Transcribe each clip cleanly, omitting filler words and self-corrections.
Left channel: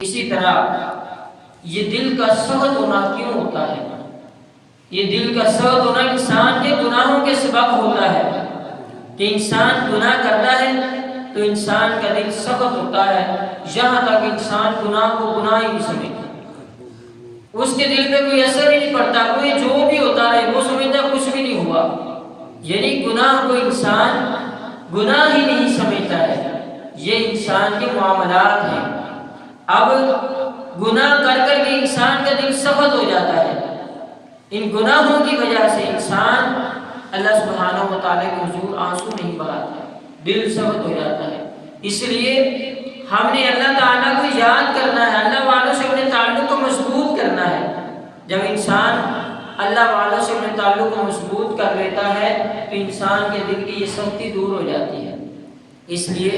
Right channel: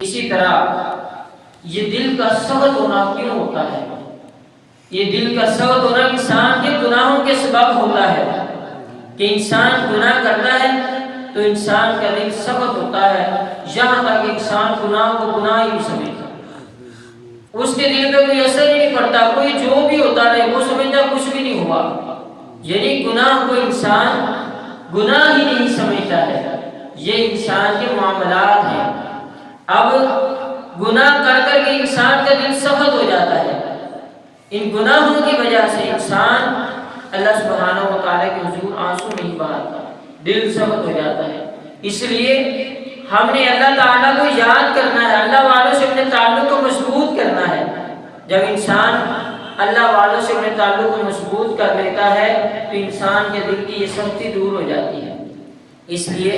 اسی طرح یہ دل کا سخت ہونا کیوں ہوتا ہے؟ یہ دل کا سخت ہونا انسان کے گناہوں کے سبب ہوتا ہے کہ انسان گناہ کرتا ہے تو انسان کا دل سخت ہوتا ہے، یہاں تک کہ انسان گناہ کو گناہ ہی نہیں سمجھتا، اس کے دل پہ کوئی اثر ہی نہیں پڑتا، کوئی جو بھی ہوتا رہے وہ سمجھتا کچھ بھی نہیں ہوا، یعنی گناہ کو انسان گناہ ہی نہیں سمجھتا ہے۔ یہ انسان کے معاملات ہیں۔ اب گناہ کر کر کے انسان کا دل سخت ہو جاتا ہے، ان گناہوں کی وجہ سے انسان اللہ سبحانہ و تعالیٰ کے حضور آنسو نہیں بہاتا، دل سخت ہو جاتا ہے۔ اس لیے ہم نے اللہ تعالیٰ کو یاد کرنا ہے، اللہ والوں سے اپنے تعلق کو مضبوط کرنا ہے۔ جب انسان اللہ والوں سے اپنے تعلق کو مضبوط کر لیتا ہے تو انسان کے دل کی یہ سختی دور ہو جاتی ہے۔ اس لیے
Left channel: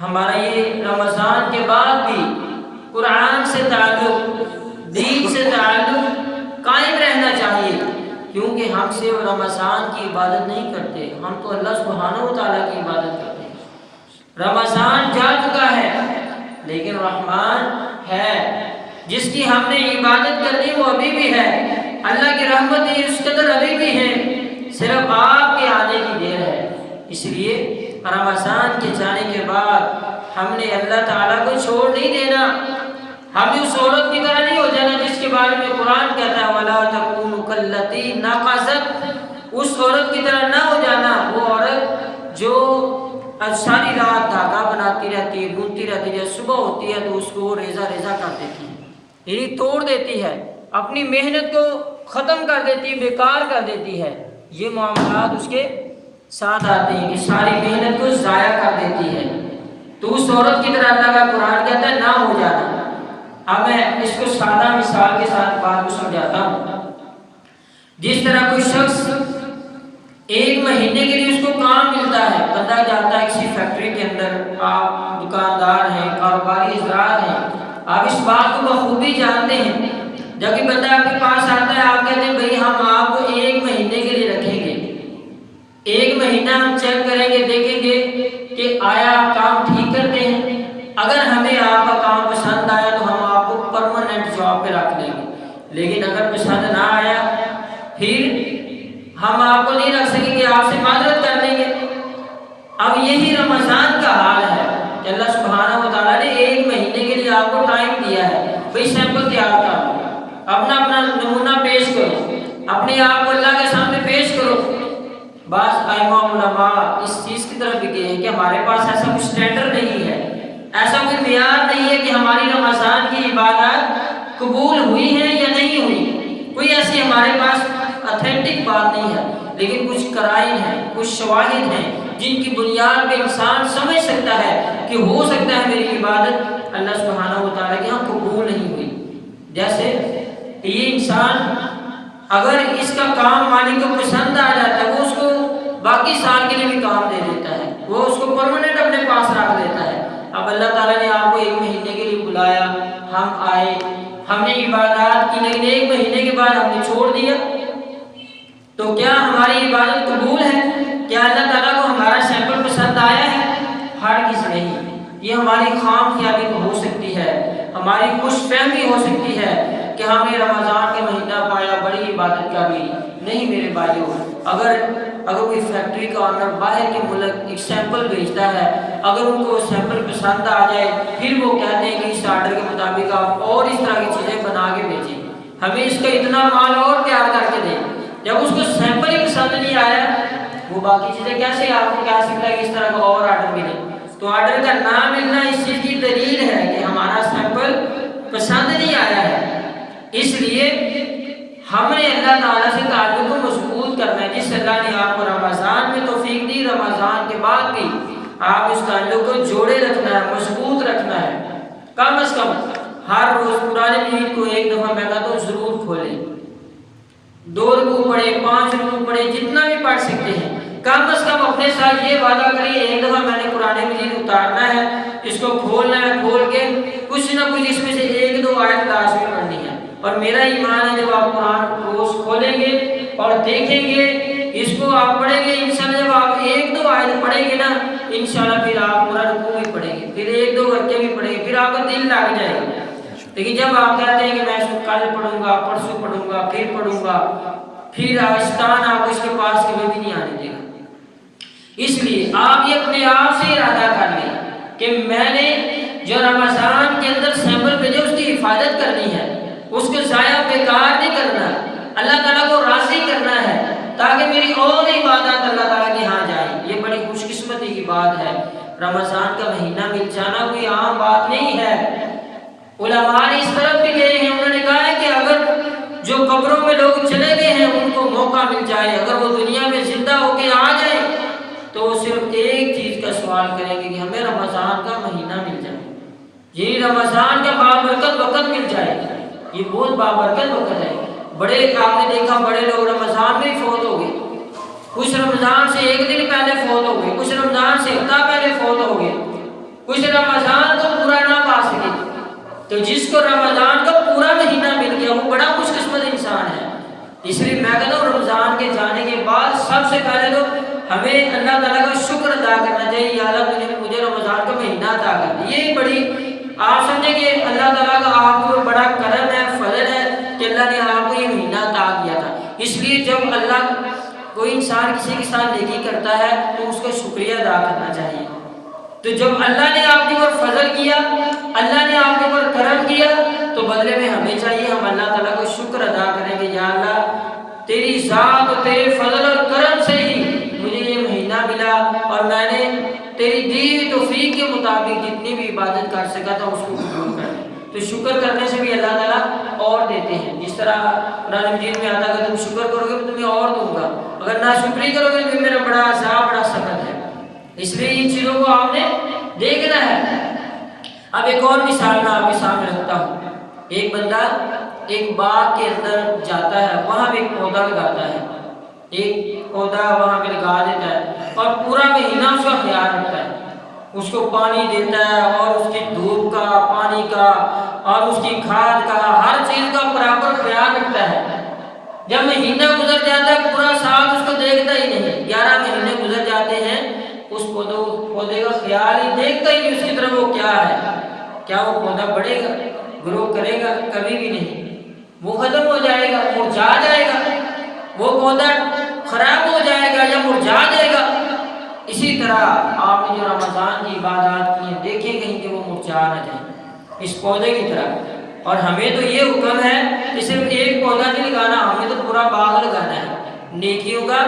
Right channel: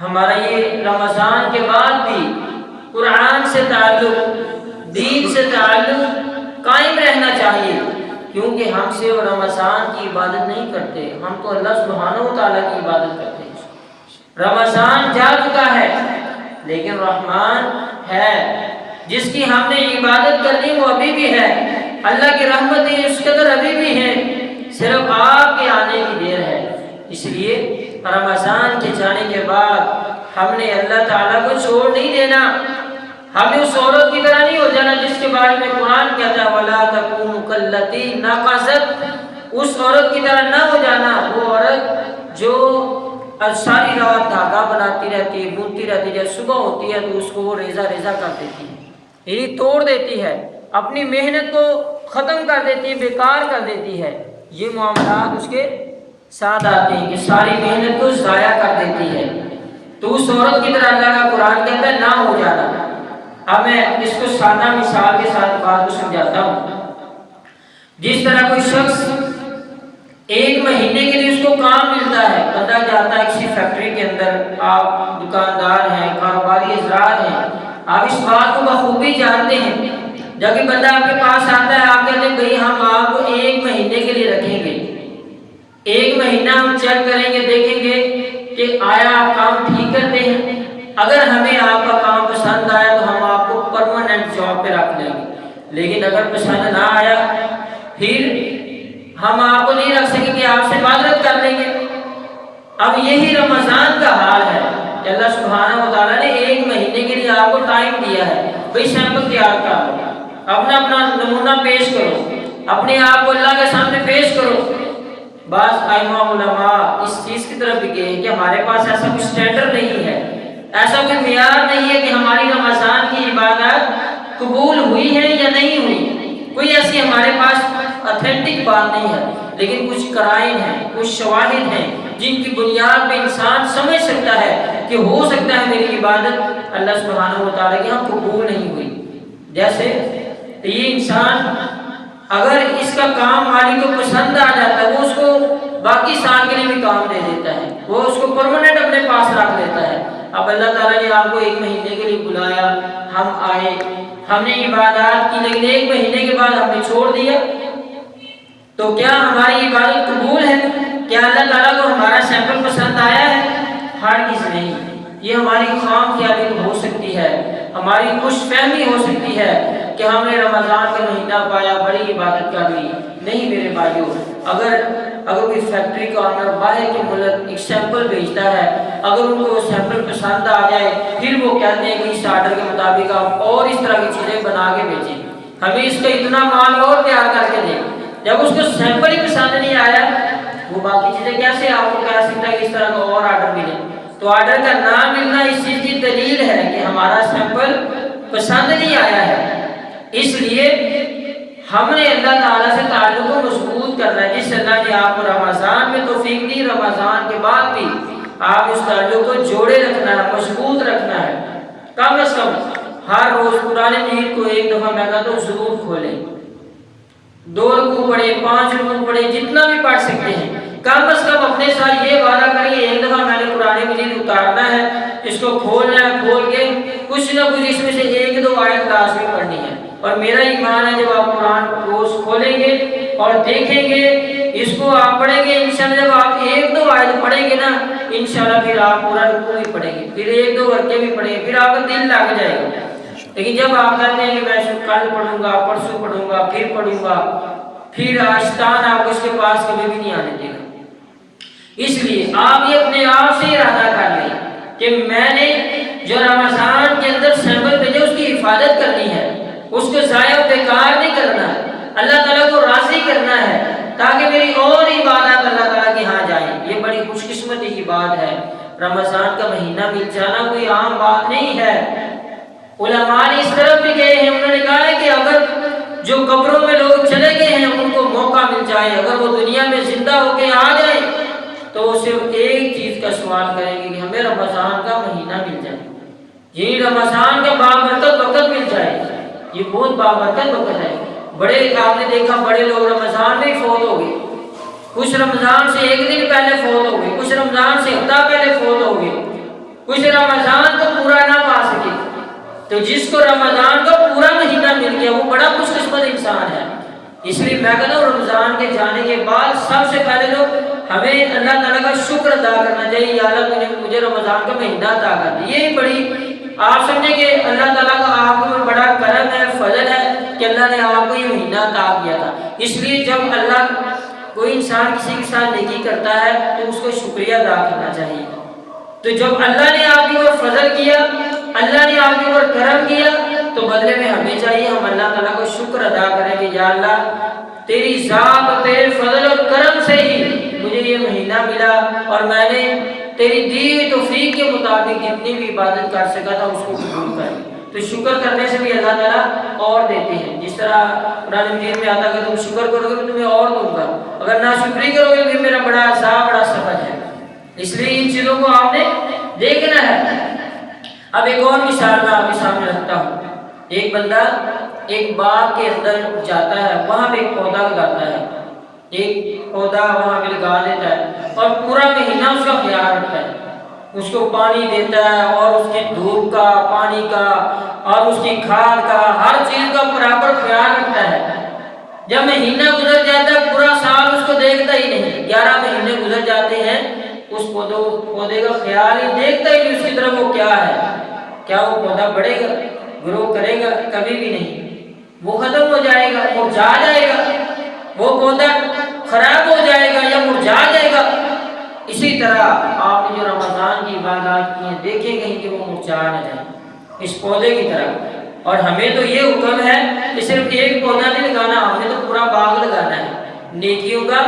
ہمارا یہ رمضان کے بعد بھی قرآن سے تعلق، دین سے تعلق قائم رہنا چاہیے، کیونکہ ہم صرف رمضان کی عبادت نہیں کرتے، ہم تو اللہ سبحانہ و تعالیٰ کی عبادت کرتے ہیں۔ رمضان جا چکا ہے لیکن رحمان ہے، جس کی ہم نے عبادت کرنی وہ ابھی بھی ہے، اللہ کی رحمتیں اس قدر ابھی بھی ہیں، صرف آپ کے آنے کی دیر ہے۔ اس لیے رمضان کے جانے کے بعد ہم نے اللہ تعالیٰ کو چھوڑ نہیں دینا، ہم نے اس عورت کی طرح نہیں ہو جانا جس کے بارے میں قرآن کہتا ہے وَلَا تَكُونُوا كَالَّتِي نَقَضَتْ، اس عورت کی طرح نہ ہو جانا، وہ عورت جو ساری رات دھاگا بناتی رہتی ہے، بنتی رہتی ہے، جب صبح ہوتی ہے تو اس کو وہ ریزہ ریزہ کر دیتی ہے، یعنی توڑ دیتی ہے، اپنی محنت کو ختم کر دیتی ہے، بیکار کر دیتی ہے۔ یہ معاملات اس کے ساتھ آتے ہیں کہ ساری محنت کو ضائع کر دیتی ہے، تو اس عورت کی طرح اللہ کا قرآن کہتا ہے نہ ہو جانا۔ اب میں اس کو سادہ مثال کے ساتھ بات کو سمجھاتا ہوں۔ جس طرح کوئی شخص ایک مہینے کے لیے اس کو کام ملتا ہے، بندہ جاتا ہے کسی فیکٹری کے اندر، آپ دکاندار ہیں، کاروباری افراد ہیں، آپ اس بات کو بخوبی جانتے ہیں، جب کہ بندہ آپ کے پاس آتا ہے، آپ کہتے ہیں بھئی ہم آپ کو ایک مہینے کے لیے رکھیں گے، ایک مہینہ ہم چیک کریں گے، دیکھیں گے کہ آیا آپ کام ٹھیک کرتے ہیں، اگر ہمیں آپ کا کام پسند آیا تو ہم آپ کو پرماننٹ جاب پہ رکھ لیں گے، لیکن اگر پسند نہ آیا پھر ہم آپ کو نہیں رکھ سکیں گے، آپ سے معذرت کر لیں گے۔ اب یہی رمضان کا حال ہے کہ اللہ سبحانہ و تعالیٰ نے ایک مہینے کے لیے آپ کو ٹائم دیا ہے، بھئی سیمپل تیار کر لو، اپنا نمونہ پیش کرو، اپنے آپ کو اللہ کے سامنے پیش کرو۔ بعض ائمہ علماء اس چیز کی طرف بھی گئے کہ ہمارے پاس ایسا کوئی سٹینڈرڈ نہیں ہے، ایسا کوئی معیار نہیں ہے کہ ہماری رمضان کی عبادات قبول ہوئی ہے یا نہیں ہوئی، کوئی ایسی ہمارے پاس اتھینٹک بات نہیں ہے، لیکن کچھ قرائن ہیں، کچھ شواہد ہیں جن کی بنیاد پہ انسان سمجھ سکتا ہے کہ ہو سکتا ہے میری عبادت اللہ سبحانہ و تعالیٰ کے ہاں قبول نہیں ہوئی۔ جیسے یہ انسان اگر اس کا کام مالک کو پسند آ جاتا ہے، وہ اس کو باقی سال کے لیے بھی کام دے دیتا ہے، وہ اس کو پرماننٹ اپنے پاس رکھ دیتا ہے۔ اب اللہ تعالیٰ نے آپ کو ایک مہینے کے لیے بلایا، ہم آئے، ہم نے عبادات کی، لیکن ایک مہینے کے بعد ہم نے چھوڑ دیا، تو کیا ہماری عبادت قبول ہے؟ کیا اللہ تعالیٰ کو ہمارا سیمپل پسند آیا ہے؟ ہرگز نہیں۔ یہ ہماری خام خیالی تو ہو سکتی ہے، ہماری خوش فہمی ہو سکتی ہے کہ ہم نے رمضان کا مہینہ پایا، بڑی عبادت کر لی۔ نہیں میرے بھائیوں، اگر کوئی فیکٹری کا آنر باہر کے ملک ایک سیمپل بھیجتا ہے، اگر ان کو وہ سیمپل پسند آ جائے، پھر وہ کہتے ہیں کہ اس آرڈر کے مطابق آپ اور اس طرح کی چیزیں بنا کے بھیجیں، ہمیں اس کا اتنا مال اور تیار کر کے دیں، جب اس کو سیمپل ہی پسند نہیں آیا وہ باقی چیزیں کیسے آپ کو کہہ سکتا ہے کہ اس طرح کا اور آرڈر ملے؟ تو آرڈر کا نہ ملنا اس چیز کی دلیل ہے کہ ہمارا سیمپل پسند نہیں آیا ہے۔ اس لیے ہم نے اللہ تعالیٰ سے تعلق کو مضبوط کرنا ہے، جس اللہ نے آپ کو رمضان میں توفیق دی، رمضان کے بعد بھی آپ اس تعلق کو جوڑے رکھنا ہے، مضبوط رکھنا ہے۔ کم از کم ہر روز قرآن مجید کو ایک دفعہ میں کہتا ہوں ضرور کھولیں، 2 رکوع پڑھیں، 5 رکوع پڑھیں، جتنا بھی پڑھ سکتے ہیں، کم از کم اپنے ساتھ یہ وعدہ کریں ایک دفعہ میں نے قرآن مجید اتارنا ہے، اس کو کھولنا ہے، کھول کے کچھ نہ کچھ اس میں سے 1-2 آیت لازمی پڑھنی ہے۔ اور میرا ایمان ہے جب آپ قرآن روز کھولیں گے اور دیکھیں گے، اس کو آپ پڑھیں گے، انشاءاللہ جب آپ 1-2 آیت پڑھیں گے نا انشاءاللہ پھر آپ پورا رکوع بھی پڑھیں گے، پھر 1-2 ورقے بھی پڑھیں گے، پھر آپ کا دل لگ جائے گا۔ لیکن جب آپ کہتے ہیں کہ میں کل پڑھوں گا، پرسوں پڑھوں گا، پھر شیطان آپ کو اس کے پاس کبھی بھی نہیں آنے دے گا۔ اس لیے آپ یہ اپنے آپ سے ارادہ کر لیں کہ میں نے جو رمضان کے اندر سیمپل بھیجے اس کی حفاظت کرنی ہے، اس کو ضائع بیکار نہیں کرنا، اللہ تعالیٰ کو راضی کرنا ہے، تاکہ میری اور عبادات اللہ تعالیٰ کے ہاں جائیں۔ یہ بڑی خوش قسمتی کی بات ہے، رمضان کا مہینہ مل جانا کوئی عام بات نہیں ہے۔ علماء نے اس طرف بھی گئے ہیں، انہوں نے کہا ہے کہ اگر جو قبروں میں لوگ چلے گئے ہیں ان کو موقع مل جائے، اگر وہ دنیا میں زندہ ہو کے آ جائیں تو وہ صرف ایک چیز کا سوال کریں گے کہ ہمیں رمضان کا مہینہ مل جائے، یہ رمضان کا بابرکت وقت مل جائے، یہ بہت بابرکت وقت ہے۔ بڑے آپ نے دیکھا بڑے لوگ رمضان میں ہی فوت ہو گئے، کچھ رمضان سے 1 دن پہلے فوت ہو گئے، کچھ رمضان سے ہفتہ پہلے فوت ہو گئے، کچھ رمضان کو پورا نہ پا سکے۔ تو جس کو رمضان کا پورا مہینہ مل گیا وہ بڑا خوش قسمت انسان ہے۔ اس لیے میں کہتا ہوں رمضان کے جانے کے بعد سب سے پہلے تو ہمیں اللہ تعالیٰ کا شکر ادا کرنا چاہیے، یا اللہ نے مجھے رمضان کا مہینہ عطا کر دیا۔ یہ بڑی آپ سمجھیں کہ اللہ تعالیٰ کا آپ کو بڑا کرم ہے، فضل ہے کہ اللہ نے آپ کو یہ مہینہ عطا کیا تھا۔ اس لیے جب اللہ کوئی انسان کسی کے ساتھ نیکی کرتا ہے تو اس کو شکریہ ادا کرنا چاہیے۔ تو جب اللہ نے آپ کے اوپر فضل کیا، اللہ نے آپ کے اوپر کرم کیا، تو بدلے میں ہمیں چاہیے ہم اللہ تعالیٰ کو شکر ادا کریں کہ یا اللہ تیری ذات اور تیرے فضل اور کرم سے ہی مجھے یہ مہینہ ملا، اور میں نے تیری دی ہوئی توفیق کے مطابق جتنی بھی عبادت کر سکا تھا اس کو قبول کر۔ تو شکر کرنے سے بھی اللہ تعالیٰ اور دیتے ہیں، جس طرح قرآن مجید میں آتا ہے کہ تم شکر کرو گے میں تمہیں اور دوں گا، اگر ناشکری کرو گے تو میرا بڑا عذاب بڑا سخت ہے۔ اس لیے ان چیزوں کو آپ نے دیکھنا ہے۔ اب ایک اور مثال میں آپ کے سامنے رکھتا ہوں۔ ایک بندہ ایک باغ کے اندر جاتا ہے، وہاں پہ ایک پودا لگاتا ہے، ایک پودا وہاں پہ لگا دیتا ہے اور پورا مہینہ اس کا خیال رکھتا ہے، اس کو پانی دیتا ہے اور اس کی دھوپ کا، پانی کا اور اس کی کھاد کا، ہر چیز کا برابر خیال رکھتا ہے۔ جب مہینہ گزر جاتا ہے پورا سال اس کو دیکھتا ہی نہیں، 11 مہینے گزر جاتے ہیں، اس پودے کا خیال ہی دیکھتا ہی نہیں اس کی طرف وہ کیا ہے، کیا وہ پودا بڑھے گا، گرو کرے گا؟ کبھی بھی نہیں، وہ ختم ہو جائے گا، مرجھا جائے گا، وہ پودا خراب ہو جائے گا یا مرجھا جائے گا۔ اسی طرح آپ نے جو رمضان کی عبادات کی ہیں دیکھیں کہیں کہ وہ مرجھا نہ جائے اس پودے کی طرح۔ اور ہمیں تو یہ حکم ہے کہ صرف ایک پودا نہیں لگانا، ہمیں تو پورا باغ لگانا ہے، نیکیوں کا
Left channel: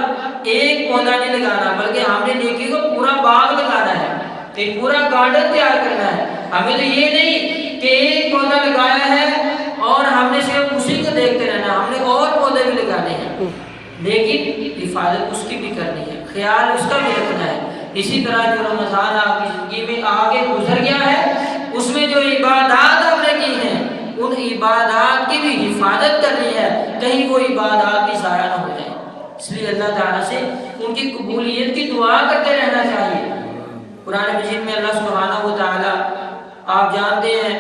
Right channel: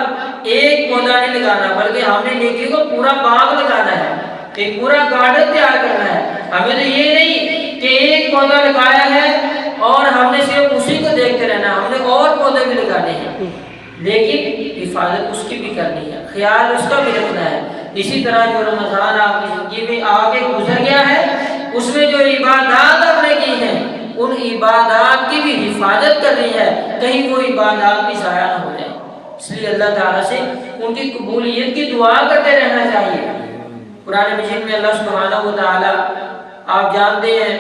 ایک پودا نہیں لگانا بلکہ ہم نے نیکیوں کا پورا باغ لگانا ہے، ایک پورا گارڈن تیار کرنا ہے۔ ہمیں تو یہ نہیں کہ ایک پودا لگایا ہے اور ہم نے صرف اسی کو دیکھتے رہنا، ہم نے اور پودے بھی لگانے ہیں، لیکن حفاظت اس کی بھی کرنی ہے، خیال اس کا بھی رکھنا ہے۔ اسی طرح جو رمضان آپ کی زندگی میں آگے گزر گیا ہے اس میں جو عبادات آپ نے کی ہیں ان عبادات کی بھی حفاظت کرنی ہے، کہیں وہ عبادات بھی ضائع نہ ہو جائیں۔ اس لیے اللہ تعالیٰ سے ان کی قبولیت کی دعا کرتے رہنا چاہیے۔ قرآن مجید میں اللہ سبحانہ و تعالیٰ آپ جانتے ہیں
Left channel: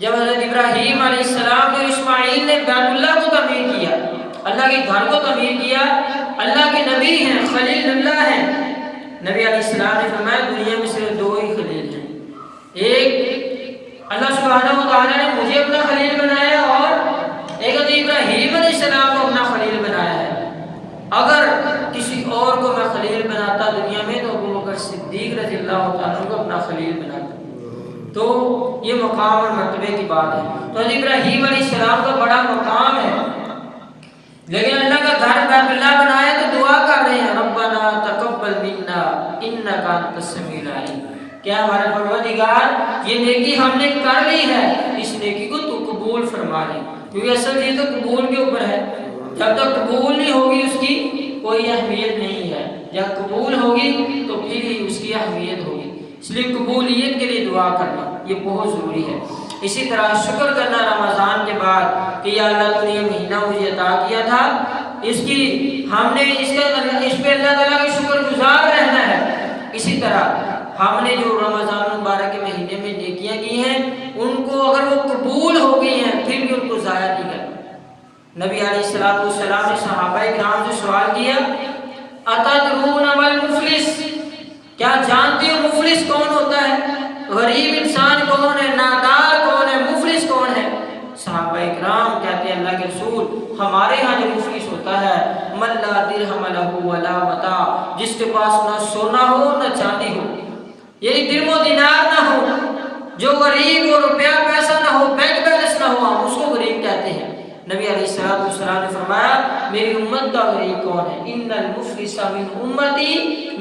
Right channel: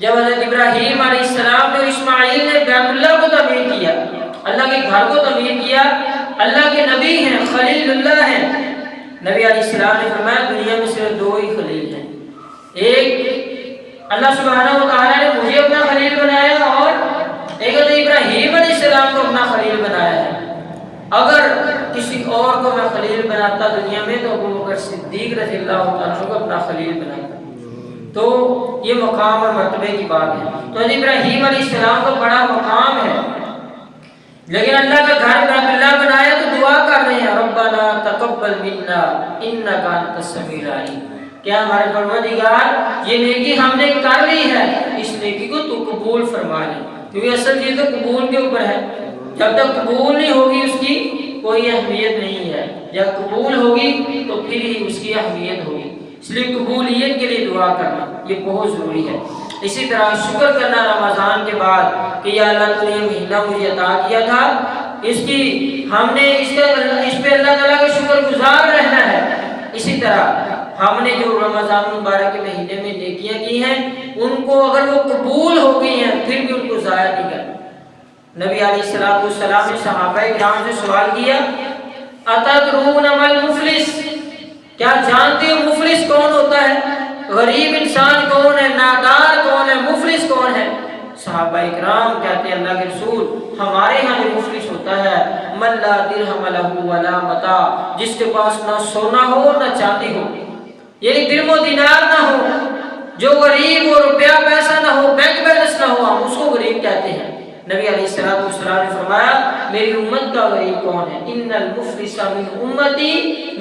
جب حضرت ابراہیم علیہ السلام نے اسماعیل نے بیت اللہ کو تعمیر کیا، اللہ کے گھر کو تعمیر کیا، اللہ کے نبی ہیں، خلیل اللہ ہیں، نبی علیہ السلام نے فرمایا دنیا میں صرف 2 ہی خلیل ہیں، ایک اللہ سبحانہ و تعالیٰ نے مجھے اپنا خلیل بنایا اور ایک حضرت ابراہیم علیہ السلام کو اپنا خلیل بنایا ہے۔ اگر کسی اور کو میں خلیل بناتا دنیا میں تو ابوبکر صدیق رضی اللہ عنہ کو اپنا خلیل بناتا۔ تو یہ مقام اور مرتبے کی بات ہے۔ تو حضرت ابراہیم علیہ السلام کا بڑا مقام ہے، لیکن اللہ کا گھر بیت اللہ بنایا تو دعا کر رہے ہیں ربنا تقبل منا انک انت السمیع العلیم، کیا ہمارے پروردگار یہ نیکی ہم نے کر لی ہے، اس نیکی کو تو قبول فرما لے، کیونکہ اصل یہ تو قبول کے اوپر ہے، جب تک قبول نہیں ہوگی اس کی کوئی اہمیت نہیں ہے، جب قبول ہوگی تو پھر ہی اس کی اہمیت ہوگی۔ اس لیے قبولیت کے لیے دعا کرنا یہ بہت ضروری ہے۔ اسی طرح شکر کرنا رمضان کے بعد کہ یا اللہ تو نے یہ مہینہ مجھے عطا کیا تھا، اس کی ہم نے اس پہ اللہ تعالیٰ کا شکر گزار رہنا ہے۔ اسی طرح ہم نے جو رمضان المبارک کے مہینے میں نیکیاں کی ہیں ان کو اگر وہ قبول ہو گئی ہیں پھر بھی ان کو ضائع نہیں کرنا۔ نبی علیہ السلام نے صحابہ کرام سے سوال کیا اتدرون ما المفلس، کیا جانتے ہو مفلس کون ہوتا ہے؟ غریب انسان کون ہے؟ نادار کون ہے؟ مفلس کون ہے؟ صحابہ اکرام کہتے ہیں اللہ کے رسول ہمارے ہاں جو مفلس ہوتا ہے من لا درہم لہ ولا متاع، جس کے پاس نہ سونا ہو نہ چاندی ہو، یعنی درم و دینار نہ ہو، جو غریب ہو، روپیہ پیسہ نہ ہو، بینک بیلنس نہ ہو، ہم اس کو غریب کہتے ہیں۔ نبی علیہ السلام نے فرمایا میری امت کا غریب کون ہے؟ ان المفلس من امتی،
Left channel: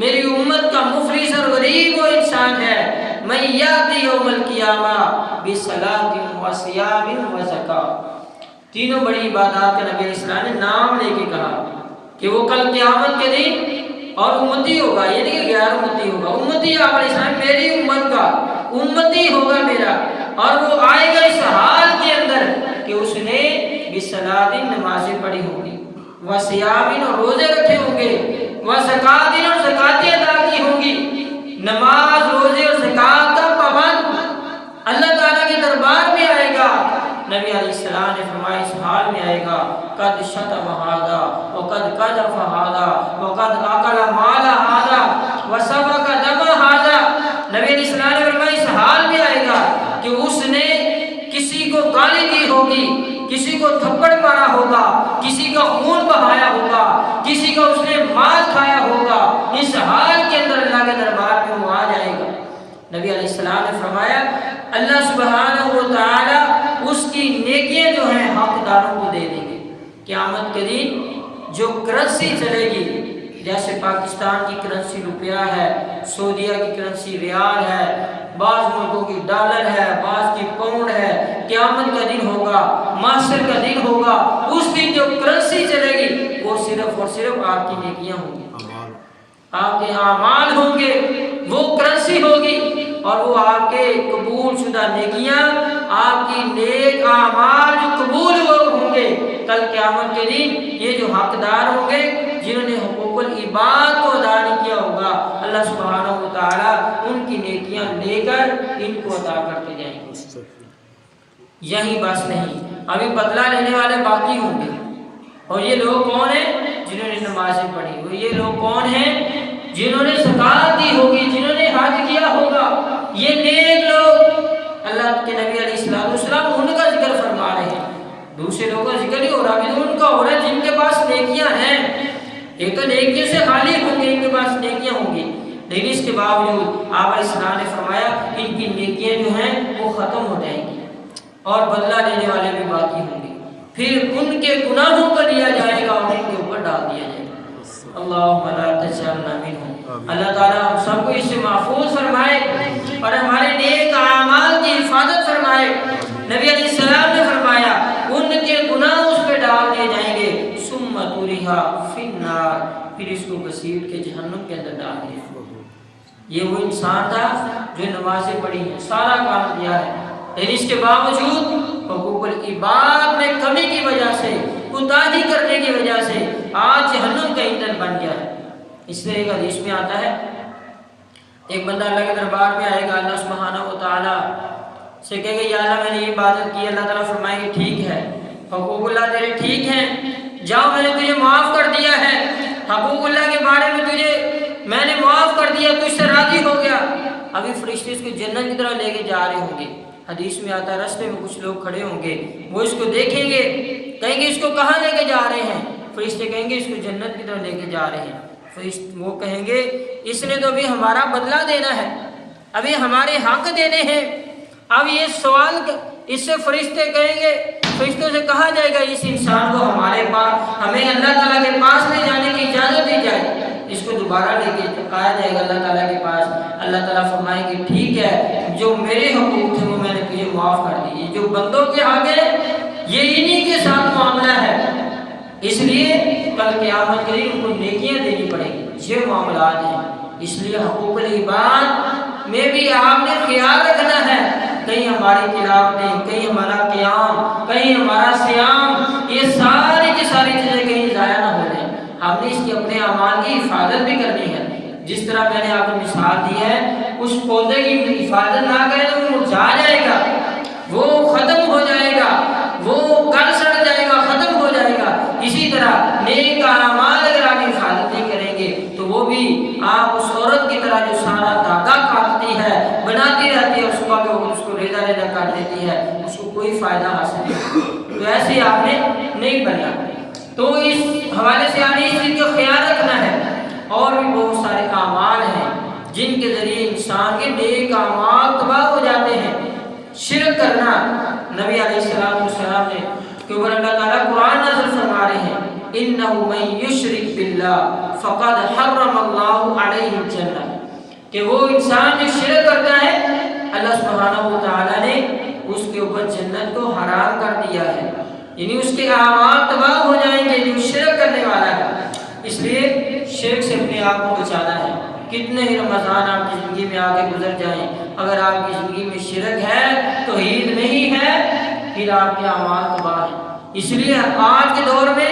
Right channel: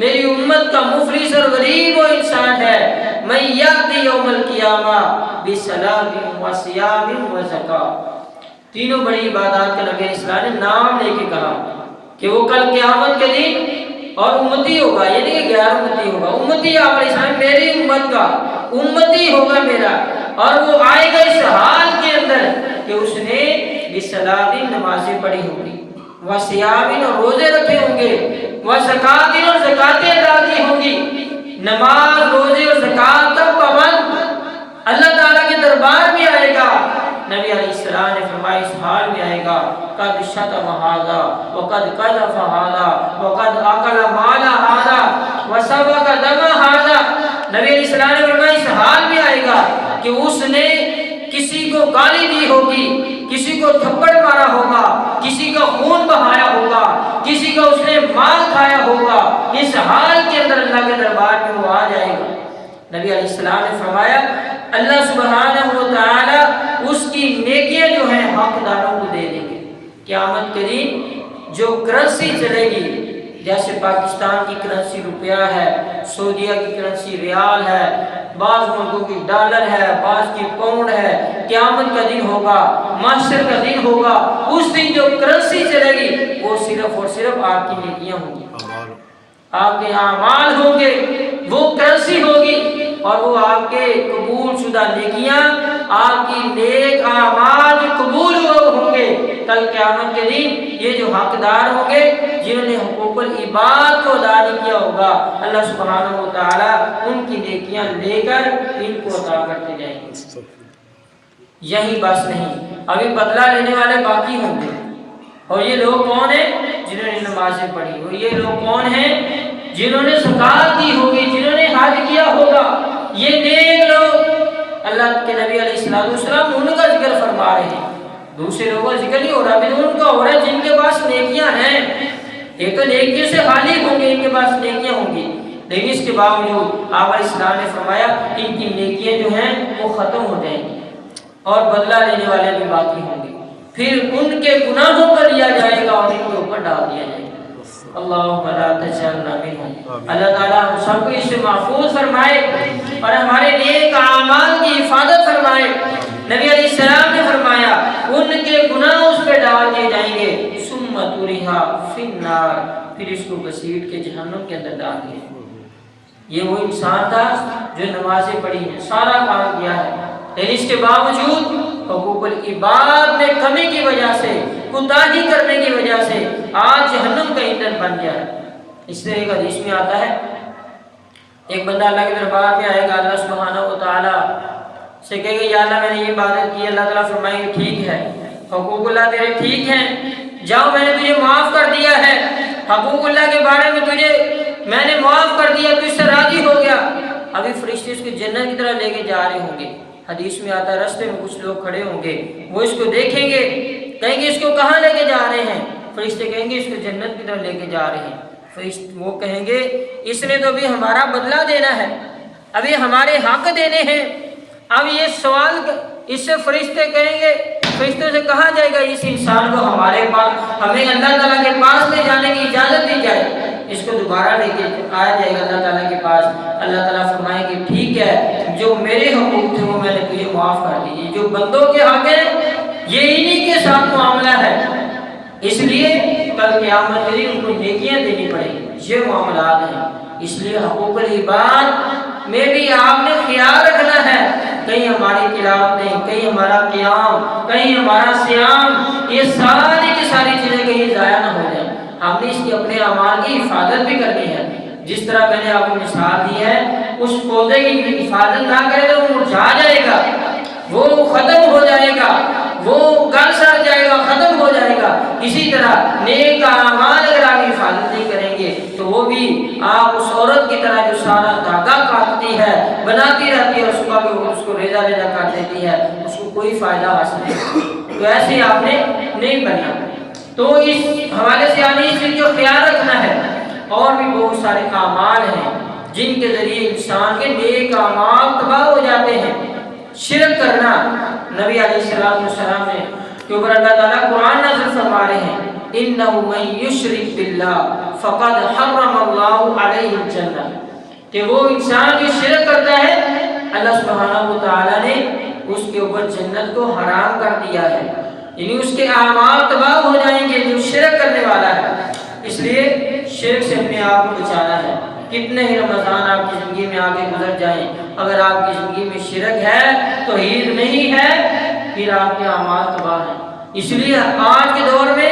میری امت کا مفلس اور غریب وہ انسان ہے من یاتی یوم القیامہ بصلاۃ و صیام و زکوٰۃ، تینوں بڑی عبادات کا نبی علیہ السلام نے نام لے کے کہا کہ وہ کل قیامت کے دن اور امتی ہوگا، یعنی کہ غیر امتی ہوگا، امتی آپ علیہ السلام میری امت کا امتی ہوگا میرا، اور وہ آئے گا اس حال کے اندر کہ اس نے بصلاۃ نمازیں پڑھی ہوں گی، وصیام اور روزے رکھے ہوں گے، وزکوٰۃ اور زکاتیں ادا کی ہوں گی، نماز روزے اور زکات کا پابند اللہ تعالیٰ کے دربار میں آئے گا۔ نبی علیہ السلام نے فرمایا اس حال میں آئے گا قد شتم ھذا وقد قذف ھذا وقد اکل مال ھذا وسفک دم ھذا، نبی علیہ السلام نے فرمایا اس حال میں آئے گا کہ اس نے کسی کو گالی دی ہوگی، کسی کو تھپڑ مارا ہوگا، کسی کا خون بہایا ہوگا، کسی کا اس نے مال کھایا ہوگا، اس حال کے اندر اللہ کے دربار میں وہ آ جائے گا۔ نبی علیہ السلام نے فرمایا اللہ سبحانہ و تعالی اس کی نیکیاں جو ہیں حقداروں کو دے دیں گے۔ قیامت کے دن جو کرنسی چلے گی، جیسے پاکستان کی کرنسی روپیہ ہے، سعودیہ کی کرنسی ریال ہے، بعض ملکوں کی ڈالر ہے، بعض کی پاؤنڈ ہے، قیامت کا دن ہوگا، محشر کا دن ہوگا، اس دن جو کرنسی چلے گی وہ صرف اور صرف آپ کی نیکیاں ہوں گی، آپ کے اعمال ہوں گے، وہ کرنسی ہوگی، اور وہ آپ کے قبول شدہ نیکیاں، آپ کی نیک اعمال جو قبول ہوئے ہوں گے کل قیامت کے دن، یہ جو حقدار ہوں گے جنہوں نے حقوق العباد کو ادا نہیں کیا ہوگا، اللہ سبحانہ و تعالیٰ ان کی نیکیاں لے کر ان کو عطا کرتے جائیں گے۔ یہی بس نہیں، ابھی بدلہ لینے والے باقی ہوں گے، اور یہ لوگ کون ہیں؟ جنہوں نے نمازیں پڑھی ہو، یہ لوگ کون ہیں؟ جنہوں نے زکات دی ہوگی، جنہوں نے حج کیا ہوگا، یہ نیک لوگ اللہ کے نبی علیہ السلام ان کا ذکر فرما رہے ہیں، دوسرے لوگوں کا ذکر نہیں ہو رہا، ابھی تو ان کا ہو رہا ہے جن کے پاس نیکیاں ہیں۔ یہ تو نیکیوں سے خالی ہوں گے، ان کے پاس نیکیاں ہوں گی، لیکن اس کے باوجود آپ علیہ السلام نے فرمایا ان کی نیکیاں جو ہیں وہ ختم ہو جائیں گی اور بدلہ لینے والے بھی باقی ہوں گے، پھر ان کے گناہوں کو لیا جائے گا اور ان کے اوپر ڈال دیا جائے گا۔ اللہم لا تجعلنا منہم، اللہ تعالیٰ ہم سب کو اس سے محفوظ فرمائے اور ہمارے نیک اعمال کی حفاظت فرمائے۔ نبی علیہ السلام نے فرمایا ان کے گناہ اس پہ ڈال دیے جائیں گے، ثم طرح فی النار، پھر اس کو گھسیٹ کے جہنم کے اندر ڈال دیا۔ یہ وہ انسان تھا جو نمازیں پڑھی ہیں، سارا کام کیا ہے، لیکن اس کے باوجود حقوق العباد میں کمی کی وجہ سے، کوتاہی کرنے کی وجہ سے آج جہنم کا ایندھن بن گیا ہے۔ اس لیے ایک حدیث میں آتا ہے ایک بندہ اللہ کے دربار میں آئے گا، اللہ سبحانہ و تعالیٰ سے کہے گا یا اللہ میں نے یہ عبادت کی، اللہ تعالیٰ فرمائیں گے ٹھیک ہے، حقوق اللہ تیرے ٹھیک ہیں، جاؤ میں نے تجھے معاف کر دیا ہے، حقوق اللہ کے بارے میں تجھے میں نے معاف کر دیا، تو اس سے راضی ہو گیا۔ ابھی فرشتے اس کو جنت کی طرح لے کے جا رہے ہوں گے، حدیث میں آتا ہے رستے میں کچھ لوگ کھڑے ہوں گے، وہ اس کو دیکھیں گے، کہیں گے اس کو کہاں لے کے جا رہے ہیں؟ فرشتے کہیں گے اس کو جنت کی طرف لے کے جا رہے ہیں۔ وہ کہیں گے اس نے تو ابھی ہمارا بدلہ دینا ہے، ابھی ہمارے حق دینے ہیں، اب یہ سوال اس سے فرشتے کہیں گے، فرشتوں سے کہا جائے گا اس انسان کو ہمارے پاس، ہمیں اللہ تعالیٰ کے پاس لے جانے کی اجازت دی جائے، اس کو دوبارہ لے کے آیا جائے گا اللہ تعالیٰ کے پاس۔ اللہ تعالیٰ فرمائیں گے ٹھیک ہے، جو میرے حقوق تھے وہ میں نے تجھے معاف کر دیے، جو بندوں کے حق ہیں یہ انہی کے ساتھ معاملہ ہے، اس لیے کل قیامت کے دن ان کو نیکیاں دینی پڑیں گی، یہ معاملات ہیں۔ اس لیے حقوق العباد میں بھی آپ نے خیال رکھنا ہے، کہیں ہماری تلاوتیں، کہیں ہمارا قیام، کہیں ہمارا صیام، یہ ساری کی ساری چیزیں کہیں ضائع نہ ہو جائیں۔ ہم نے اس کی اپنے اعمال کی حفاظت بھی کرنی ہے، جس طرح میں نے آپ کو مثال دی ہے، اس پودے کی حفاظت نہ کرے تو وہ مرجھا جائے گا، وہ ختم ہو جائے گا، وہ گل سڑ جائے گا، ختم ہو جائے گا۔ اسی طرح نیک اعمال اگر آپ حفاظت نہیں کریں گے تو وہ بھی آپ اس عورت کی طرح جو سارا دھاگا کاٹتی ہے، بناتی رہتی ہے اور صبح کے وقت اس کو ریزہ ریزہ کاٹ دیتی ہے، اس کو کوئی فائدہ حاصل نہیں۔ تو ایسے آپ نے نہیں بننا۔ تو اس حوالے سے یعنی اس چیز کو خیال رکھنا ہے۔ اور بھی بہت سارے اعمال ہیں جن کے ذریعے انسان کے نیک اعمال تباہ ہو جاتے ہیں۔ شرک کرنا، نبی علیہ السلام نے کہ اوپر اللہ تعالیٰ قرآن نازل فرما رہے ہیں اِنَّهُ مَن يُشْرِكْ بِاللَّهِ فَقَدْ حَرَّمَ اللَّهُ عَلَيْهِ الْجَنَّةَ، کہ وہ انسان جو شرک کرتا ہے اللہ سبحانہ و تعالیٰ نے اس کے اوپر جنت کو حرام کر دیا ہے، یعنی اس کے اعمال تباہ ہو جائیں گے جو شرک کرنے والا ہے۔ اس لیے شرک سے اپنے آپ کو بچانا ہے۔ کتنے ہی رمضان آپ کی زندگی میں آگے گزر جائیں، اگر آپ کی زندگی میں شرک ہے، توحید نہیں ہے، پھر آپ کے اعمال تباہ ہیں۔ اس لیے آج کے دور میں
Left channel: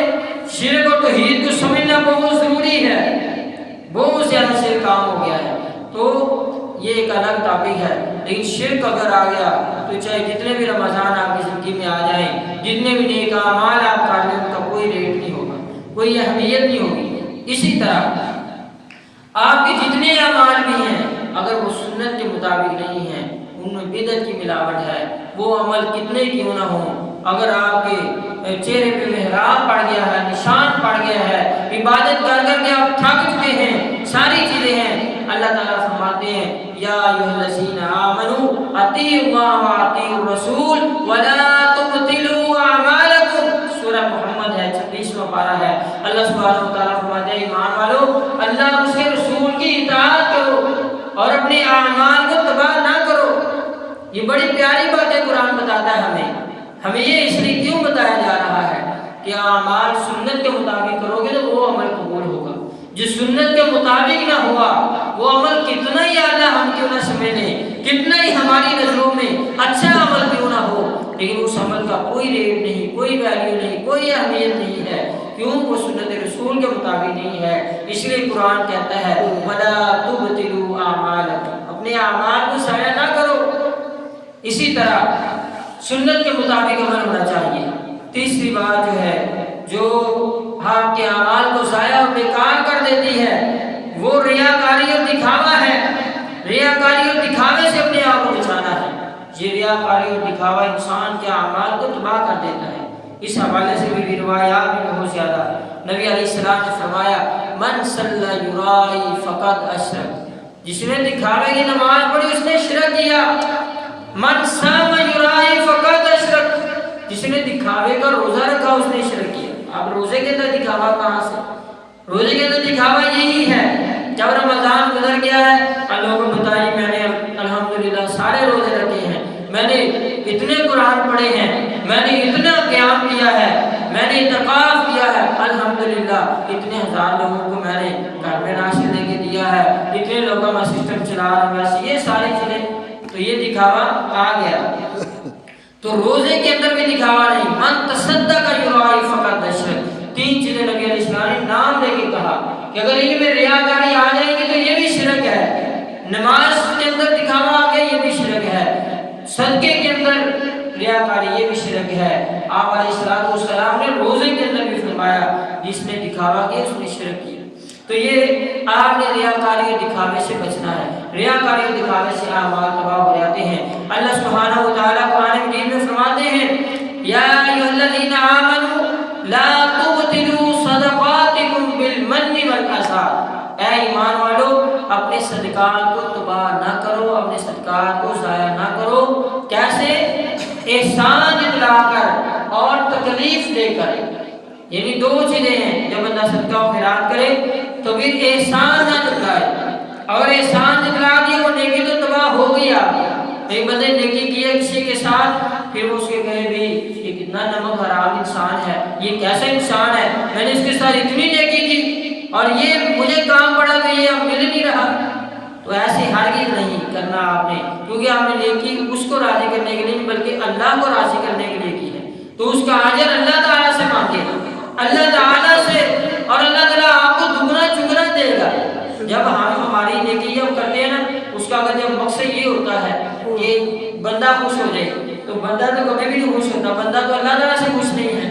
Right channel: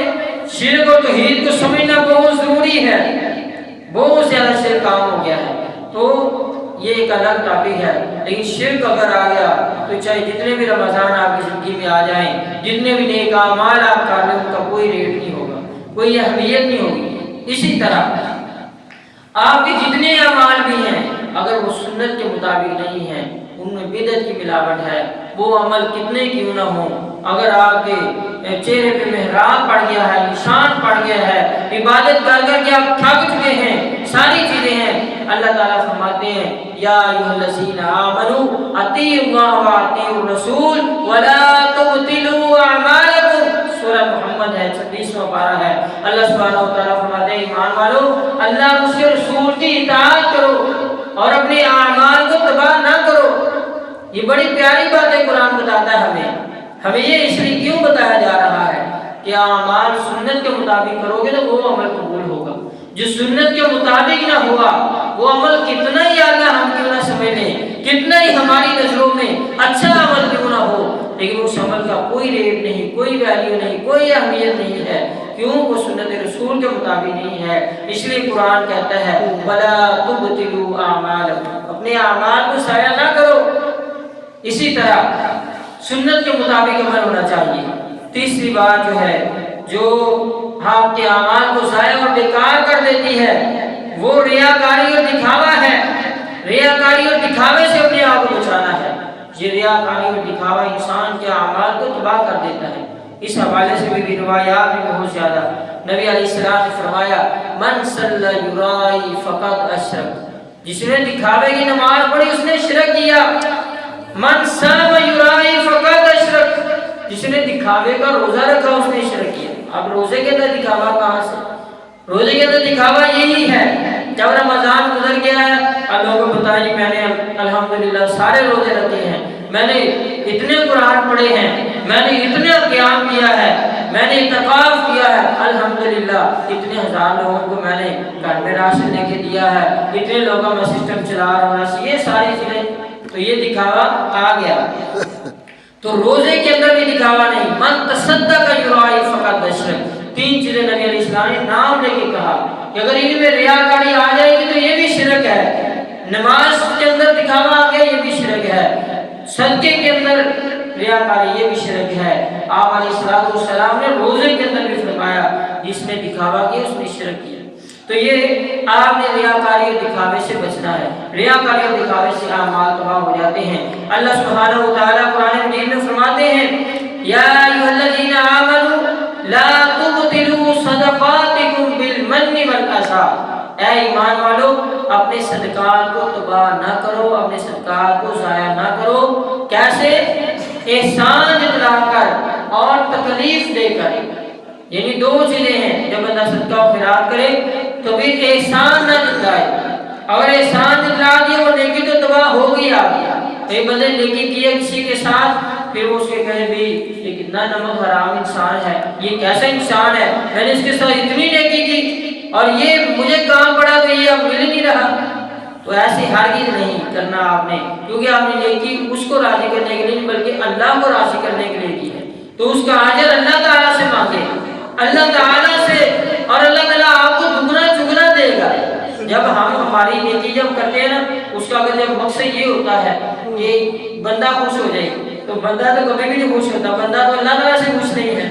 شرک اور توحید کو سمجھنا بہت ضروری ہے۔ بہت زیادہ شرک عام ہو گیا ہے، تو یہ ایک الگ ٹاپک ہے، لیکن شرک اگر آ گیا تو چاہے جتنے بھی رمضان آپ کی زندگی میں آ جائیں، جتنے بھی نیک اعمال آپ کر لیں، ان کا کوئی ریٹ نہیں ہوگا، کوئی اہمیت نہیں ہوگی۔ اسی طرح آپ کے جتنے اعمال بھی ہیں اگر وہ سنت کے مطابق نہیں ہیں، ان میں بدعت کی ملاوٹ ہے، وہ عمل کتنے کیوں نہ ہوں، اگر آپ کے چہرے پہ محراب پڑ گیا ہے، نشان پڑ گیا ہے، عبادت کر کر کے آپ تھک چکے ہیں، ساری چیزیں ہیں، اللہ تعالیٰ فرماتے ہیں یا ایھا الذین آمنوا اطیعوا اللہ واطیعوا الرسول ولا تبطلوا اعمالکم، سورہ محمد ہے، 26واں پارہ ہے۔ اللہ سبحانہ و تعالیٰ فرماتے ہیں ایمان والو اللہ اور اس کے رسول کی اطاعت کرو اور اپنے اعمال کو تباہ نہ کرو۔ یہ بڑی پیاری باتیں قرآن بتاتا ہے ہمیں یہ اس لیے کیوں بتایا جا رہا ہے کہ اعمال سنت کے مطابق کرو گے تو وہ عمل قبول ہوگا، جو سنت کے مطابق نہ ہوا وہ عمل کتنا ہی اعلیٰ ہم کیوں نہ سمجھ لیں، کتنا ہی ہماری نظروں میں اچھا عمل کیوں نہ ہو، لیکن اس عمل کا کوئی ریٹ نہیں، کوئی ویلیو نہیں، کوئی اہمیت نہیں ہے، کیوں؟ وہ سنت رسول کے مطابق نہیں ہے۔ اس لیے قرآن کہتا ہے وَلَا تُبْطِلُوا أَعْمَالَكُمْ، اپنے اعمال کو ضائع نہ کرو۔ اسی طرح سنت کے مطابق عمل ہونا چاہیے۔ تیسری بات جو ہے جو آپ کے اعمال کو ضائع اور بیکار کر دیتی ہے وہ ریاکاری اور دکھاوا ہے۔ ریاکاری اور دکھاوے سے اپنے آپ کو بچانا ہے۔ یہ ریاکاری اور دکھاوا انسان کے اعمال کو تباہ کر دیتا ہے۔ اس حوالے سے بھی روایات میں بہت زیادہ نبی علیہ السلام نے فرمایا من صلی یرائی فقد اشرک، جس نے دکھاوے کی نماز پڑھی اس نے شرک کیا۔ من صام یرائی فقد اشرک، جس نے دکھاوے کا روزہ رکھا اس نے شرک کیا۔ اب روزے کے اندر دکھاوا کہاں سے؟ روزے کے اندر دکھاوا یہی ہے جب رمضان گزر گیا ہے لوگوں کو بتائیے میں نے الحمدللہ سارے روزے رکھے ہیں، میں نے اتنے قرآن پڑھے ہیں، میں نے اتنا قیام کیا ہے، میں نے اعتکاف کیا ہے، الحمدللہ اتنے ہزار لوگوں کو میں نے گھر میں راشن لے کے دیا ہے، اتنے لوگوں میں سسٹم چلا رہا ہوں، یہ ساری چیزیں، تو یہ دکھاوا آ گیا۔ تو روزے کے اندر بھی دکھاوا نہیں۔ من تصدق یرائی فقد اشرک، تین چیزیں نبی علیہ السلام نے نام لے کے کہا کہ اگر ان میں ریاکاری آ جائے گی تو یہ بھی شرک ہے۔ نماز کے اندر دکھاوا آ گیا یہ بھی شرک ہے، صدقے کے اندر ریاکاری یہ بھی شرک ہے۔ آپ علیہ السلام نے روزے کے اندر بھی فرمایا جس نے دکھاوا کیا اس نے شرک کیا۔ تو یہ آپ نے ریاکاری اور دکھاوے سے بچنا ہے۔ ریاکاری اور دکھاوے سے اعمال تباہ ہو جاتے ہیں۔ اللہ سبحانہ و تعالیٰ قرآن مجید میں فرماتے ہیں یا ایھا الذین آمنوا لا تبطلوا صدقاتکم بالمن والأذى، اے ایمان والو اپنے صدقات کو تباہ نہ کرو، اپنے صدقات کو ضائع نہ کرو۔ کیسے؟ احسان جتلا کر اور تکلیف دے کر، یعنی دو چیزیں ہیں، جب بندہ صدقہ و خیرات کرے تو پھر احسان نہ جتلائے، اگر احسان جتلا دیا وہ نیکی تو تباہ ہو گئی آپ کی۔ کئی بندے نیکی کیے کسی کے ساتھ پھر وہ اس کے کہے بھی یہ کتنا نمک حرام انسان ہے، یہ کیسا انسان ہے، میں نے اس کے ساتھ اتنی نیکی کی اور یہ مجھے کام پڑا تو یہ اب مل نہیں رہا۔ تو ایسے ہرگز نہیں کرنا آپ نے، کیونکہ آپ نے نیکی اس کو راضی کرنے کے لیے نہیں بلکہ اللہ کو راضی کرنے کے لیے کی ہے، تو اس کا اجر اللہ تعالیٰ سے مانگے، اللہ تعالیٰ سے، اور اللہ تعالیٰ آپ کو دگنا چگنا دے گا۔ جب ہم ہماری نیکی جب کرتے ہیں نا، اس کا اگر جب مقصد یہ ہوتا ہے کہ بندہ خوش ہو جائے تو بندہ تو کبھی بھی نہیں خوش ہوتا، بندہ تو اللہ تعالیٰ سے خوش نہیں ہے،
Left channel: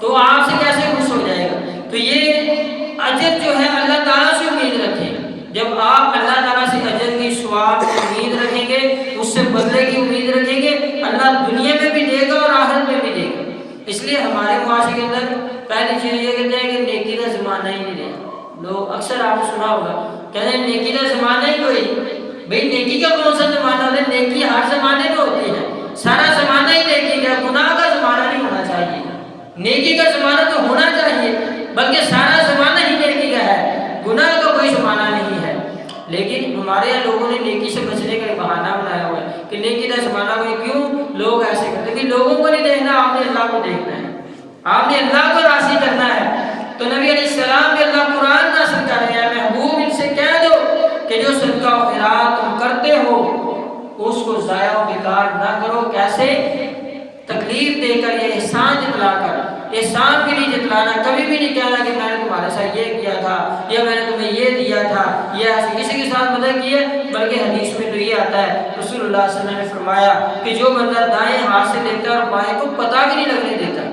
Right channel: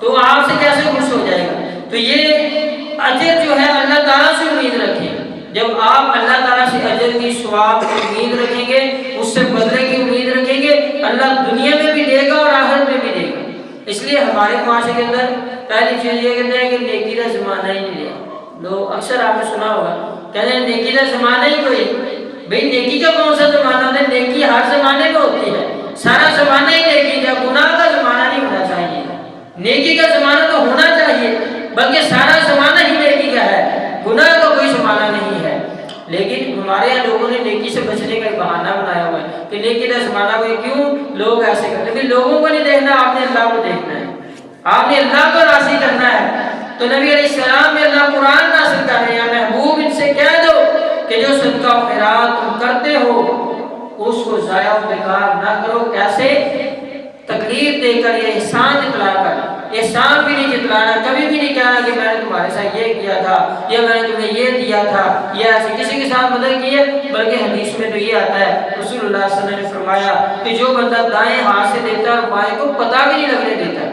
تو آپ سے کیسے خوش ہو جائے گا؟ تو یہ اجر جو ہے اللہ تعالیٰ سے امید رکھیں۔ جب آپ اللہ تعالیٰ سے اجر کی ثواب کی امید رکھیں گے، اس سے بدلے کی امید رکھیں گے، اللہ دنیا میں بھی دے گا اور آخرت میں بھی دے گا۔ اس لیے ہمارے معاشرے کے اندر پہلی چیز یہ کہتے ہیں کہ نیکی کا زمانہ ہی نہیں رہا۔ لوگ اکثر آپ نے سنا ہوگا کہتے ہیں نیکی کا زمانہ ہی کوئی، بھئی نیکی کا کون سا زمانہ ہوتا ہے؟ نیکی ہر زمانے میں ہوتی ہے، سارا زمانہ ہی نیکی کا، گناہ کا زمانہ نہیں ہونا چاہیے۔ نیکی کا زمانہ تو ہونا چاہیے، بلکہ سارا زمانہ ہی نیکی کا ہے، گناہ کا کوئی زمانہ نہیں ہے۔ لیکن ہمارے یہاں لوگوں نے نیکی سے بچنے کا ایک بہانہ بنایا ہوا ہے کہ نیکی کا زمانہ کوئی، کیوں لوگ ایسے کرتے ہیں؟ لوگوں کو نہیں دیکھنا، آپ نے اللہ کو دیکھنا ہے، آپ نے اللہ کو راضی کرنا ہے۔ تو نبی علیہ السلام نے اللہ قرآن نازل کر رہے ہیں، محبوب ان سے کہہ دو کہ جو صدقہ و خیرات تم کرتے ہو اس کو ضائع و بیکار نہ کرو۔ کیسے؟ تکلیف دے کر، یہ احسان جتلا کر۔ احسان بھی نہیں جتلانا، کبھی بھی نہیں کہنا کہ میں نے تمہارے ساتھ یہ کیا تھا یا میں نے تمہیں یہ دیا تھا یا ایسے کسی کے ساتھ مدد کی ہے، بلکہ حدیث میں تو یہ آتا ہے، رسول اللہ صلی اللہ علیہ وسلم نے فرمایا کہ جو بندہ دائیں ہاتھ سے دیتا ہے اور بائیں کو پتہ بھی نہیں لگنے دیتا،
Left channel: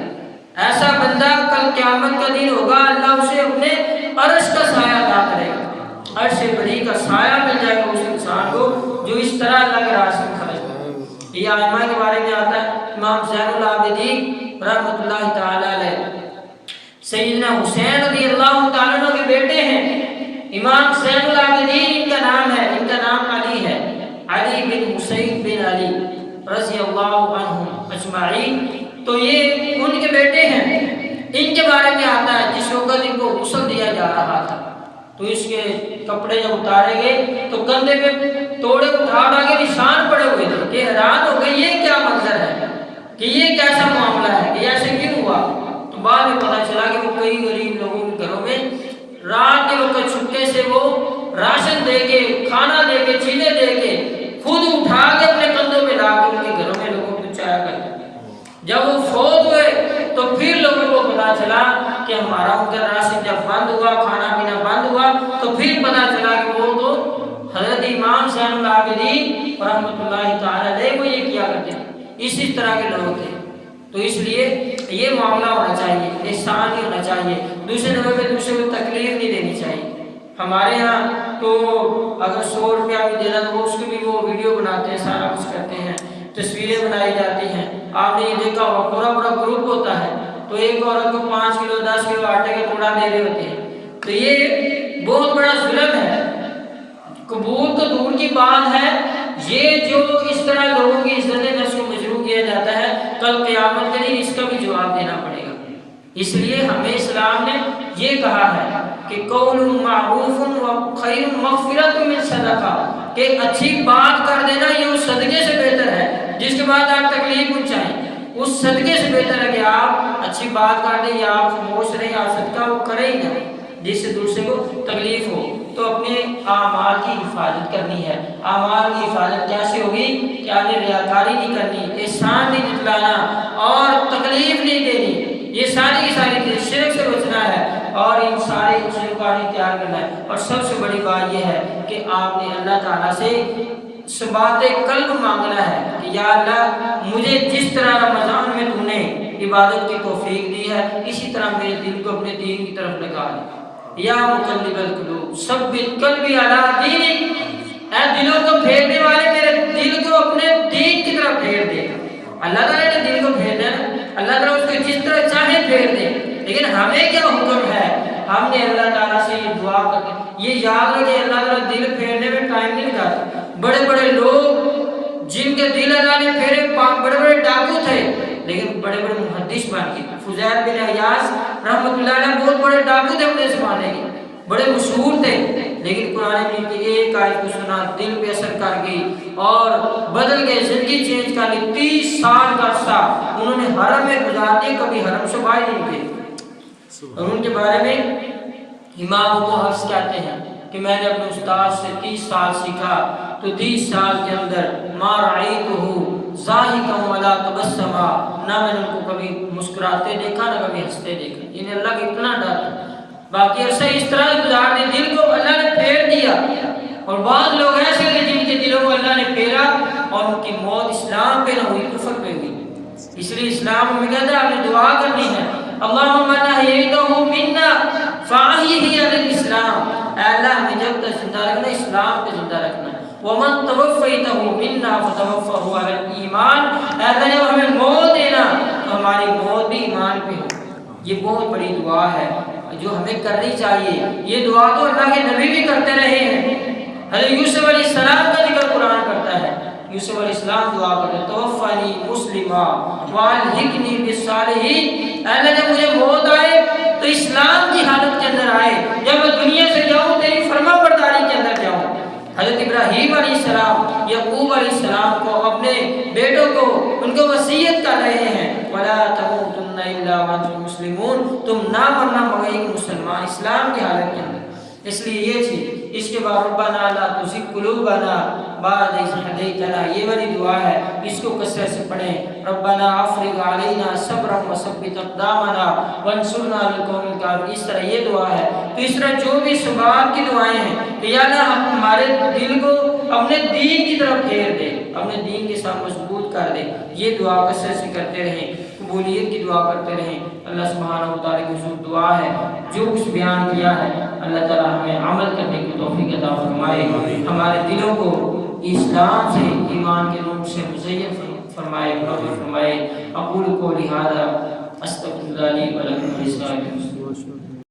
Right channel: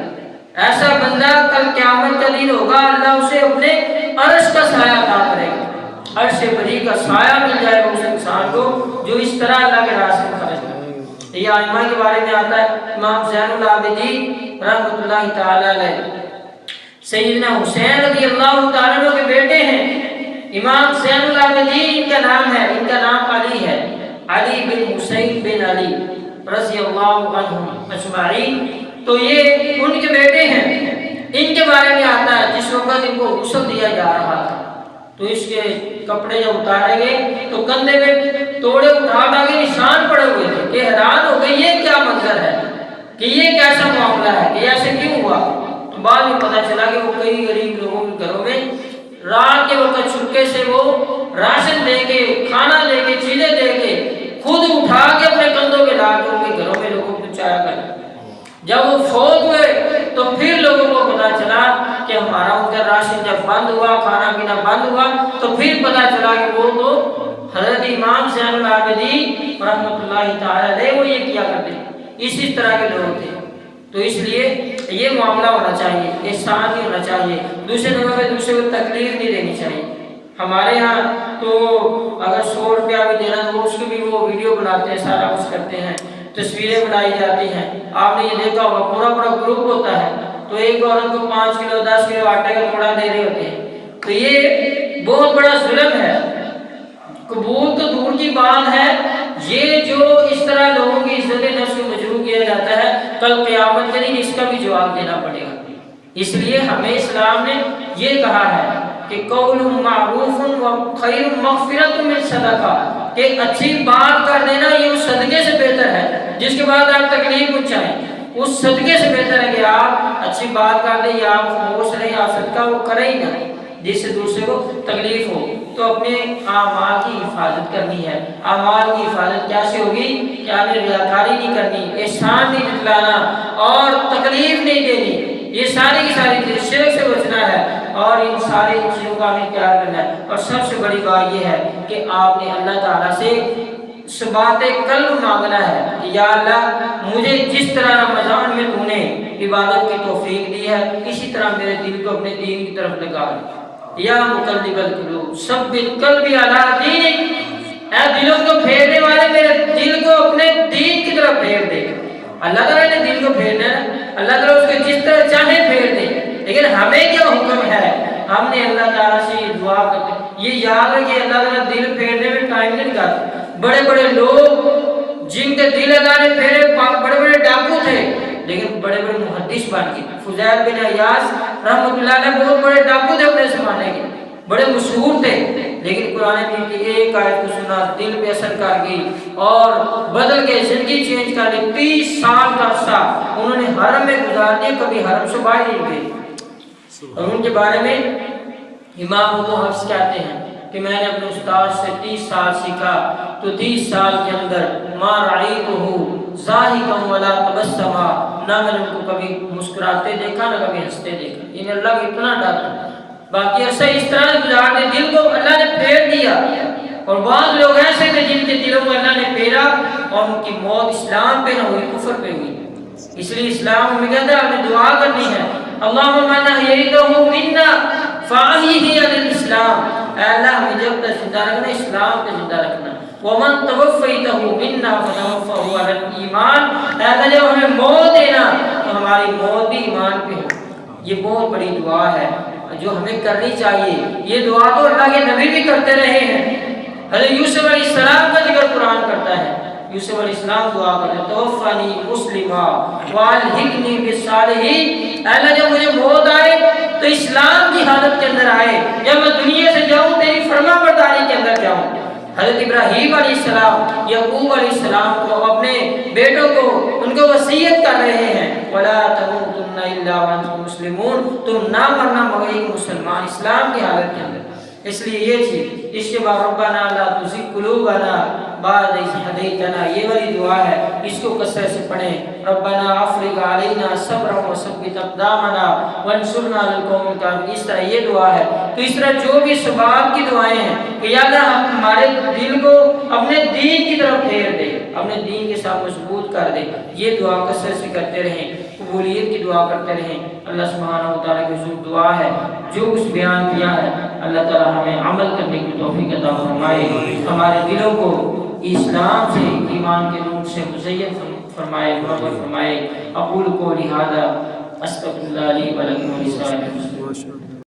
ایسا بندہ کل قیامت کا دن ہوگا، اللہ اسے اپنے عرش کا سایہ عطا کرے گا، عرش بری کا سایہ مل جائے گا اس انسان کو جو اس طرح اللہ کے راستے میں خرچ کرے۔ یہ ائمہ کے بارے میں آتا ہے، امام زین العابدین رحمۃ اللہ تعالی علیہ سیدنا حسین رضی اللہ تعالیٰ عنہ کے بیٹے ہیں، امام زین العابدین ان کا نام ہے، ان کا نام علی ہے، علی بن حسین بن علی رضی اللہ عنہم اجمعین۔ تو یہ ان کے بیٹے ہیں، ان کے بارے میں آتا ہے جس وقت ان کو غسل دیا جا رہا تھا تو اس کے کپڑے جب اتارے گئے تو کندھے میں توڑے اٹھا کے نشان پڑے ہوئے تھے کہ حیران ہو گئے یہ کیا منظر ہے، کہ یہ کیسا معاملہ ہے، کہ ایسے کیوں ہوا؟ تو بعد میں پتہ چلا کہ وہ کئی غریب لوگوں کے گھروں میں رات کے وقت چھپکے سے وہ راشن دے کے، کھانا دے کے، چیزیں دے کے خود اٹھا کے اپنے کندھوں میں لا کے ان کے گھروں میں لوگوں کو پہنچایا کرتے۔ جب وہ فوت ہوئے تو پھر لوگوں کو پتا چلا کہ ہمارا ان کا راشن جب بند ہوا، کھانا پینا بند ہوا، تو پھر پتا چلا کہ وہ تو حضرت امام زین العابدین رحمۃ اللہ تعالی علیہ وہ یہ کیا کرتے تھے، اسی طرح کے لوگ تھے۔ تو اس لیے یہ معاملہ ہونا چاہیے، احسان نہیں ہونا چاہیے، دوسرے نمبر پہ دوسرے کو تکلیف نہیں دینی چاہیے۔ ہمارے ہاں تو اگر 100 روپیہ بھی دینا تو اس کی بھی وہ ویڈیو بناتے ہیں، سارا کچھ کرتے ہیں، تصویریں بنائی جاتی ہیں۔ آپ نے یہ دیکھا ہوگا پورا گروپ ہوتا ہے تو ایک عورت کو 5 کلو 10 کلو آٹے کا توڑا دے رہے ہوتے ہیں، تو یہ بہت بڑا ظلم ہے۔ قبول تو دور کی بات ہے، یہ جو اس طرح لوگوں کی عزت نفس کو مجروح کیا جاتا ہے، کل قیامت کے دن اس کا بھی جواب دینا پڑے گا۔ اس لیے ہمیں اسلام نے یہ کہا ہے کہ قول معروف و خیر مغفرۃ من صدقہ، کہ اچھی بات کر دینا یہ اس صدقے سے بہتر ہے جس کے بعد آپ تکلیف پہنچائیں، اس صدقے سے بہتر ہے کہ آپ اچھی بات کر دیں یا آپ خاموش رہیں، آپ صدقہ وہ کریں ہی نہ جس سے دوسرے کو تکلیف ہو۔ تو اپنے اعمال کی حفاظت کرنی ہے۔ اعمال کی حفاظت کیسے ہوگی؟ کہ آپ نے ریاکاری نہیں کرنی، احسان نہیں جتلانا اور تکلیف نہیں دینی، یہ ساری کی ساری چیز، شرک سے بچنا ہے اور ان ساری چیزوں کا ہمیں تیار کرنا ہے۔ اور سب سے بڑی بات یہ ہے کہ آپ نے اللہ تعالیٰ سے ثبات قلب مانگنا ہے کہ یا اللہ مجھے جس طرح رمضان میں تو نے عبادت کی توفیق دی ہے اسی طرح میرے دل کو اپنے دین کی طرف لگا دے۔ یا مقلب القلوب ثبت قلبی علی دینک، اے دلوں کو پھیرنے والے میرے دل کو اپنے دین کی طرف پھیر دے۔ اللہ تعالیٰ نے دل کو پھیرنا ہے، اللہ تعالیٰ اس کو جس طرح چاہے پھیر دے، لیکن ہمیں کیا حکم ہے؟ ہم نے اللہ تعالیٰ سے یہ دعا کرتے، یہ یاد رکھیں اللہ تعالیٰ دل پھیرنے میں ٹائم نہیں لگاتا۔ بڑے بڑے لوگ جن کے دل اللہ نے پھیرے، بڑے بڑے ڈاکو تھے لیکن بڑے بڑے محدث بن گئے۔ فضیل بن عیاض رحمۃ اللہ علیہ بہت بڑے ڈاکو تھے اپنے زمانے کے، بڑے مشہور تھے، لیکن قرآن مجید کی ایک آیت کو سنا، دل پہ اثر کر گئی اور بدل گئے، زندگی چینج کر لی۔ 30 سال کا عرصہ انہوں نے حرم میں گزار دیا، کبھی حرم سے باہر نہیں گئے۔ اور ان کے بارے میں امام ابو حفص کہتے ہیں کہ میں نے اپنے استاد سے 30 سال سیکھا تو 30 سال کے اندر ما رأیتہ ضاحکا ولا تبسما، نہ میں نے ان کو کبھی مسکراتے دیکھا نہ کبھی ہنستے دیکھا، انہیں اللہ کا اتنا ڈر تھا۔ باقی عرصہ اس طرح گزار دے، دل کو اللہ نے پھیر دیا اور بعض لوگ ایسے تھے جن کے دلوں میں اللہ نے پھیرا اور ان کی موت اسلام پہ نہ ہوئی، کفر پہ ہوئی۔ اس لیے اسلام میں کہتا ہے آپ نے دعا کرنی ہے، اللہم من احییتہ منا فاحیہ علی الاسلام، اے اللہ ہمیں جب تک زندہ رکھنا اسلام پہ زندہ رکھنا، ومن توفیتہ منا فتوفہ علی الایمان، اے اللہ جب ہمیں موت دینا تو ہماری موت بھی ایمان پہ ہو۔ یہ بہت بڑی دعا ہے جو ہمیں کرنی چاہیے۔ یہ دعا تو اللہ کے نبی بھی کرتے رہے ہیں۔ حضرت یوسف علیہ السلام کا ذکر قرآن کرتا ہے، یوسف علیہ السلام دعا کرتے ہیں توفنی مسلمہ والحقنی بالصالحین، اے اللہ جب مجھے موت آئے تو اسلام کی حالت کے اندر آئے، جب میں دنیا سے جاؤں تیری فرما برداری کے اندر جاؤں۔ حضرت ابراہیم علیہ السلام یعقوب علیہ السلام کو اپنے بیٹوں کو ان کو وصیت کر رہے ہیں وَلَا تَمُوتُنَّ إِلَّا وَأَنْتُمْ مُسْلِمُونَ، تم نہ مرنا مگر ایک مسلمان اسلام کی حالت کے اندر۔ اس لیے یہ چیز، اس کے بعد ربنا لا تزغ قلوبنا بعد إذ هديتنا، یہ والی دعا ہے، اس کو کثرت سے پڑھیں۔ ربنا افرغ علينا صبرا وثبت اقدامنا وانصرنا على القوم الكافرين، اس طرح یہ دعا ہے۔ تو اس طرح جو بھی ثبات کی دعائیں ہیں کہ یا اللہ ہمارے دل کو اپنے دین کی طرف پھیر دے، اپنے دین کے ساتھ مضبوط کر دے، یہ دعا کثرت سے کرتے رہیں، قبولیت کی دعا کرتے رہیں۔ اللہ سبحانہ و تعالیٰ کی حضور دعا ہے جو کچھ بیان کیا ہے اللہ تعالیٰ ہمیں عمل کرنے کی توفیق عطا فرمائے، ہمارے دلوں کو اسلام سے ایمان کے نور سے مزین فرمائے، منور فرمائے۔ اقول قولی ھذا استغفر اللہ لی ولکم ولسائر المسلمین۔